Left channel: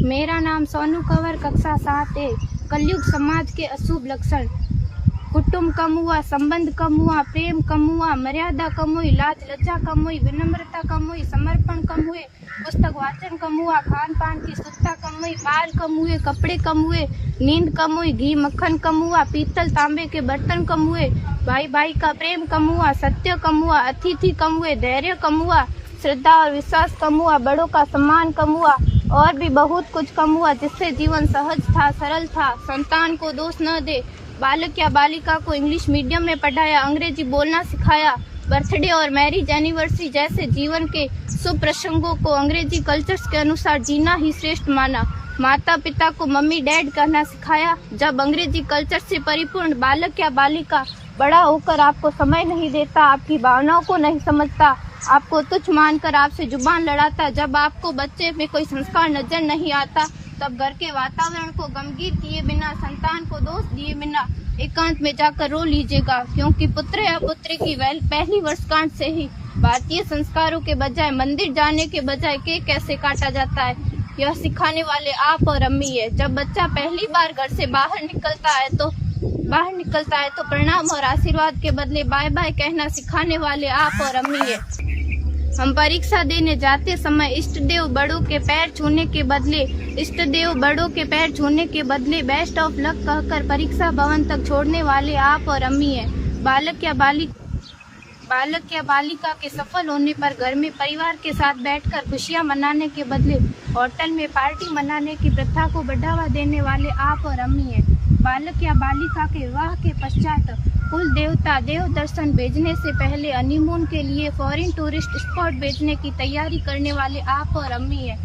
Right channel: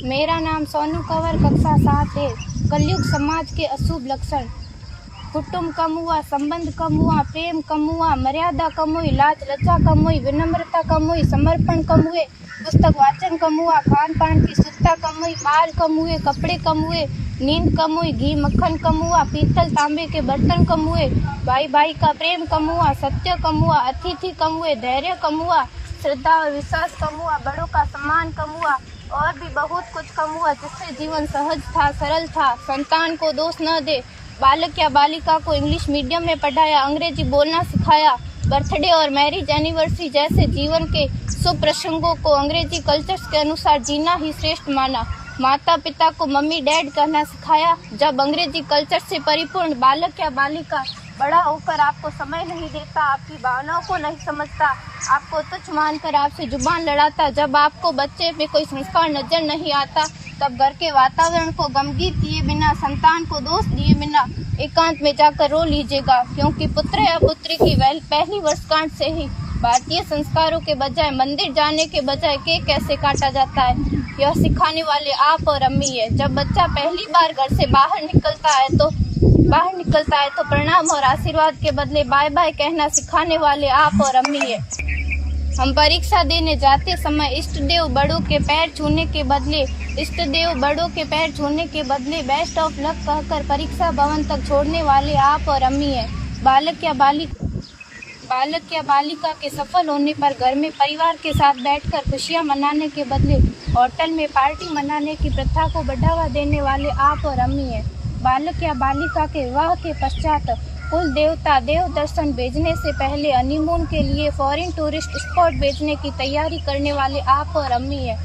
मेरा नाम सोनू कंवर, कक्षा 7 है। कलयुग समाज के अशुभ लक्षण। कुटुंब कम हुआ, संबंध कम हुआ, प्रेम कम हुआ, मर्यादा कम हुई, लाज लज्जा कम हुई, विनम्रता कम हुई, समर्पण कम हुए, पुस्तक वाचन कम हुआ, खान पान की शुद्धता कम हुई, बाल कम हुए, कपड़े कम हुए, नींद कम हुई, घी मक्खन कम हुआ, पीतल तांबे के बर्तन कम हुए, भाई भाई का प्रेम कम हुआ, सत्य कम हुआ, अतिथि कम हुए, धैर्य कम हुआ, श्रद्धा और विश्वास कम हुआ, बड़ों का सम्मान कम हुआ और भी बहुत कुछ कम हुआ जिससे जीवन सहज था, सरल था। संतान को दोष न दे। बालक या बालिका को इंग्लिश मीडियम में पढ़ाया, अंग्रेजी बोलना सिखाया। बर्थडे और मैरिज एनिवर्सरी जैसे जीवन के शुभ प्रसंगों को अंग्रेजी कल्चर्स के अनुसार जीना ही श्रेष्ठ माना। माता पिता को मम्मी डैड कहना सिखाया। जब अंग्रेजी कल्चर से परिपूर्ण बालक या बालिका बड़ा होकर आपको समय नहीं देता, आपकी भावनाओं को नहीं समझता, आपको तुच्छ मानकर आपसे जुबान लड़ाता, जब आपको बच्चे में कोई संस्कार नजर नहीं आता, तब घर के वातावरण को गमगीन किए बिना, संतान को दोष दिए बिना एकांत में जाकर रो लीजिएगा, क्योंकि पुत्र या पुत्री की पहली वर्षगांठ से ही भारतीय संस्कारों के बजाय, मंदिर जाने के बजाय केक कैसे काटा जाता है, यह सिखाने वाले आप और अम्मी है। जब बच्चा पहली बार घर से बाहर निकलता है तो प्रणाम और आशीर्वाद के बदले बाय बाय कहना सिखाने वाले आप और अम्मी है। हम परीक्षा देने जाते समय इष्ट देव बड़ों के पैर छूने के बदले बेस्ट ऑफ लक कहकर परीक्षा भवन तक छोड़ने वाले आप और अम्मी है। बालक या बालिका के सफल होने पर घर में परिवार के साथ बैठकर खुशियां मनाने के बदले होटल में पार्टी मनाने की प्रथा को बढ़ावा देने वाले आप और अम्मी है। बालक या बालिका के विवाह के पश्चात कुल देवता देव दर्शन भेजने से पहले हनीमून के लिए फॉरेन टूरिस्ट स्पॉट भेजने की तैयारी करने वाले आप और अम्मी है।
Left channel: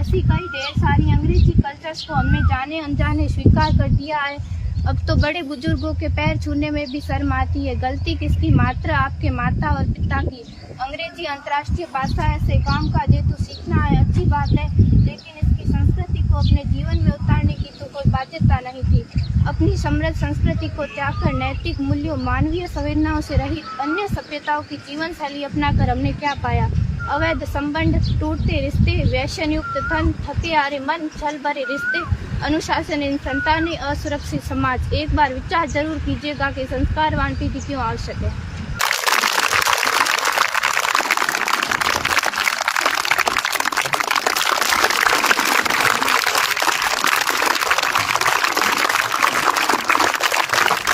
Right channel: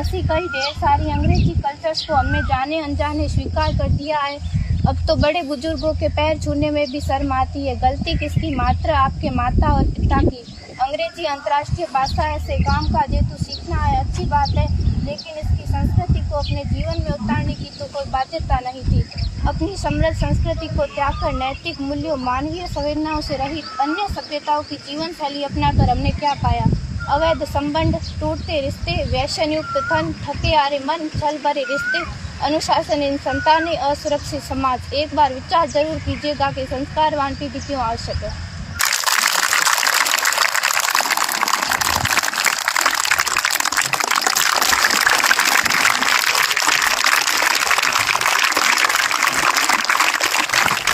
ऐसी कई ढेर सारी अंग्रेजी कल्चर्स को हमने जाने अनजाने स्वीकार कर दिया है। अब तो बड़े बुजुर्गों के पैर छूने में भी शर्म आती है। गलती किसकी? मात्र आपके माता और पिता की। अंग्रेजी अंतर्राष्ट्रीय भाषा है से काम का जेतु सीखना है, अच्छी बात है, लेकिन इसकी संस्कृति को अपने जीवन में उतारने की तो कोई बाध्यता नहीं थी। अपनी समृद्ध संस्कृति को त्याग कर नैतिक मूल्यों, मानवीय संवेदनाओं से रहित अन्य सभ्यताओं की जीवन शैली अपनाकर हमने क्या पाया? अवैध संबंध, टूटते रिश्ते, व्यसन युक्त धन, थके हारे मन, छल भरे रिश्ते, अनुशासनहीन संतानें, असुरक्षित समाज। एक बार विचार जरूर कीजिएगा कि संस्कारवान पीढ़ी क्यों आवश्यक है।